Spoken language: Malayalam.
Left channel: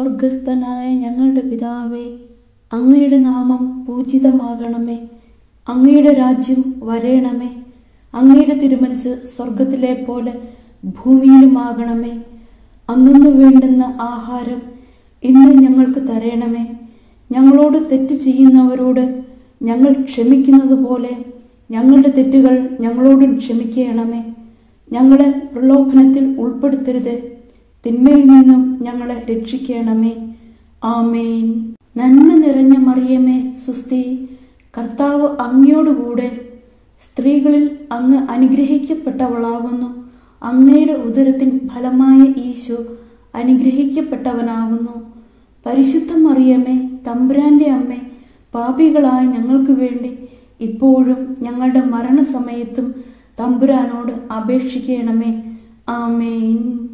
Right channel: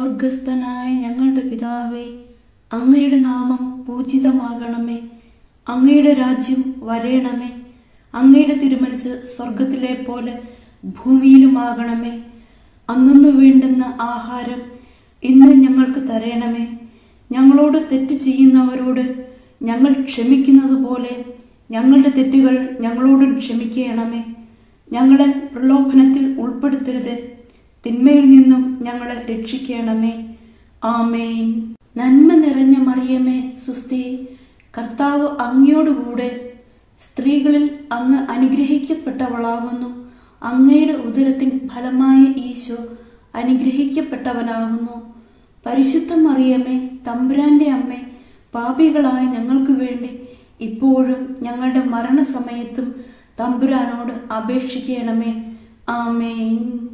സ്വർഗസ്ഥനായ ഞങ്ങളുടെ പിതാവേ, അങ്ങയുടെ നാമം പൂജിതമാകണമേ. അങ്ങയുടെ രാജ്യം വരേണമേ. അങ്ങയുടെ തിരുമനസ് സ്വർഗത്തിലെ പോലെ ഭൂമിയിലുമാകണമേ. അന്നു വേണ്ടുന്ന ആഹാരം ഇന്ന് ഞങ്ങൾക്ക് തരണമേ. ഞങ്ങളോട് തെറ്റ് ചെയ്യുന്നവരോട് ഞങ്ങൾ ക്ഷമിക്കുന്നത് പോലെ ഞങ്ങളുടെ തെറ്റുകൾ ഞങ്ങളോടും ക്ഷമിക്കണമേ. ഞങ്ങളെ പ്രലോഭനത്തിൽ ഉൾപ്പെടുത്തരുത്, തിന്മയിൽ നിന്നും ഞങ്ങളെ രക്ഷിക്കണമേ. ആമേൻ. നന്മ നിറഞ്ഞ മറിയമേ, സുസ്തി, കർത്താവ് അങ്ങയോടുകൂടെ സ്ത്രീകളിൽ അങ്ങ് അനുഗ്രഹിക്കപ്പെട്ടവളാകുന്നു. അങ്ങയുടെ ഉദരത്തിൻ ഫലമായ ഈശോ അനുഗ്രഹിക്കപ്പെട്ടവനാകുന്നു. പരിശുദ്ധ മറിയമേ, തമ്പുരാന്റെ അമ്മേ, പാപികളായ ഞങ്ങൾക്ക് വേണ്ടി ഇപ്പോഴും ഞങ്ങളുടെ മരണസമയത്തും തമ്പുരാനോട് അപേക്ഷിക്കണമേ. ആമേൻ.